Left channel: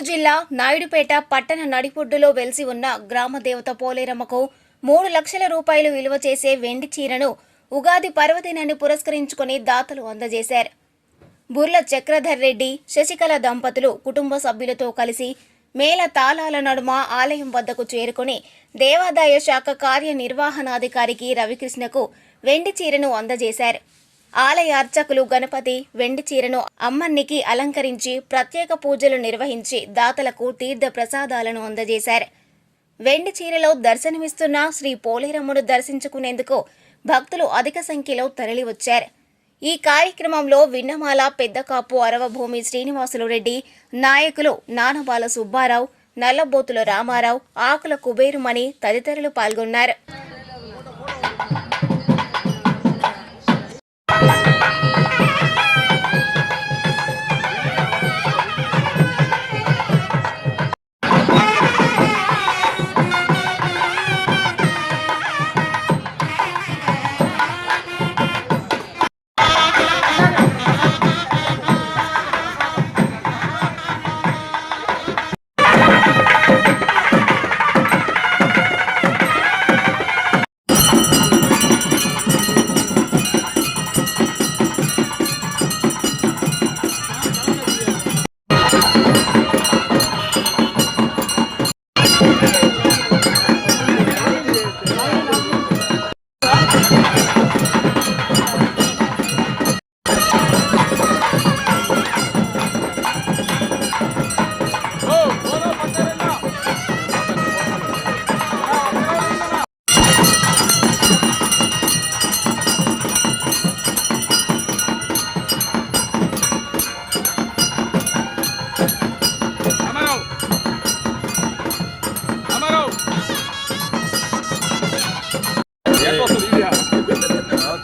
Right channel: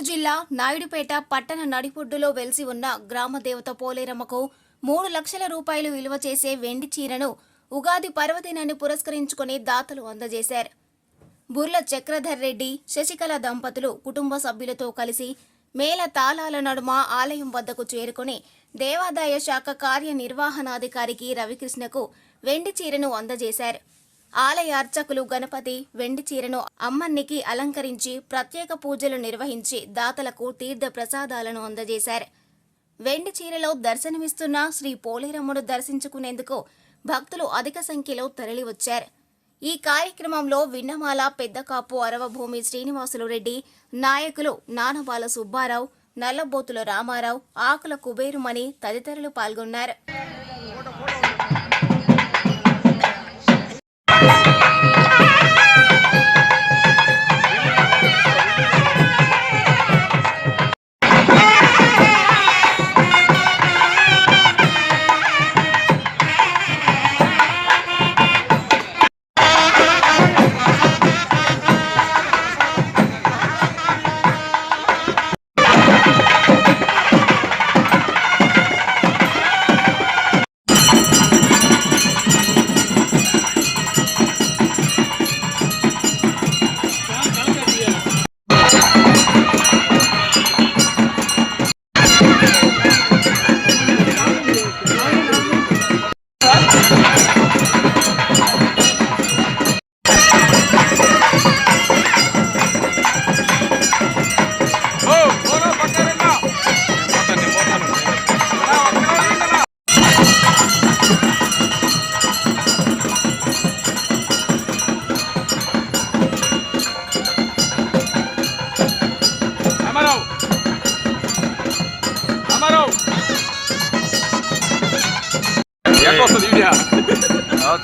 నెల్లూరు జిల్లా నాయుడుపేట పట్టణ నడిపొడ్డులో వెలిసి ఉన్న గ్రామ దేవత పోలేరమ్మకు 3 లక్షల రూపాయలు విలువ చేసే వెండి చీరను ఉగాది పర్వదినాన్ని పురస్కరించుకుని దాతలు అందజేశారు. బుర్ల చక్రధర్ రెడ్డి, శశికళ దంపతులు కుటుంబ సభ్యులతో కలిసి మేళ తాళాల నడుమ ఆలయం వద్దకు చేరుకుని దేవాదాయ శాఖ కార్యనిర్వహణాధికారికి రవికృష్ణకు వెండి చీరను అందజేశారు. ఆలయ అర్చకులు గణపతి వెండి చీరను అమ్మన్నికి అలంకరించి ప్రత్యేక పూజలు నిర్వహించి దాతలకు తీర్థ ప్రసాదాలను అందజేశారు. వెండి చీరలో దర్శనమిస్తున్న శ్రీ పోలేరమ్మను దర్శించుకునేందుకు భక్తులు అధిక సంఖ్యలో తరలివచ్చారు. ఈ కార్యక్రమంలో విన్నమాల పెద్దకాపు అరవభూమి శ్రీనివాసులు రెడ్డి, నాయకులు నానబాల సుబ్బారావు, నల్లబోతుల రామారావు, ఆకుల కుబేరుమణి తదితరులు పాల్గొన్నారు.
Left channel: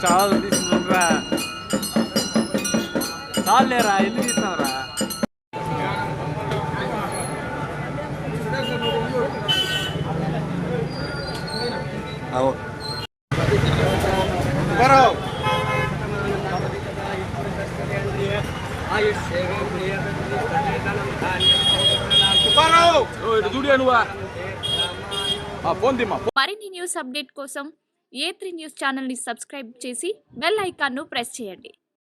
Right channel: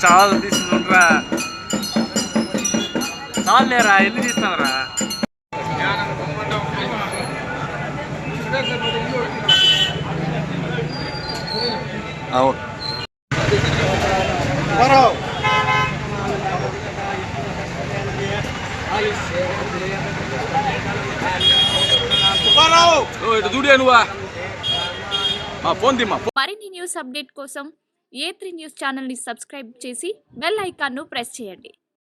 చాలా తీసుకుంటారా చాలు లేరా ఎన్ని తీస్తావరా అవును మరిన్ని న్యూస్ అప్డేట్ కోసం A3 న్యూస్ ఛానల్ ని సబ్స్క్రైబ్ చేసి బెల్ ఐకాన్ ను ప్రెస్ చేయండి.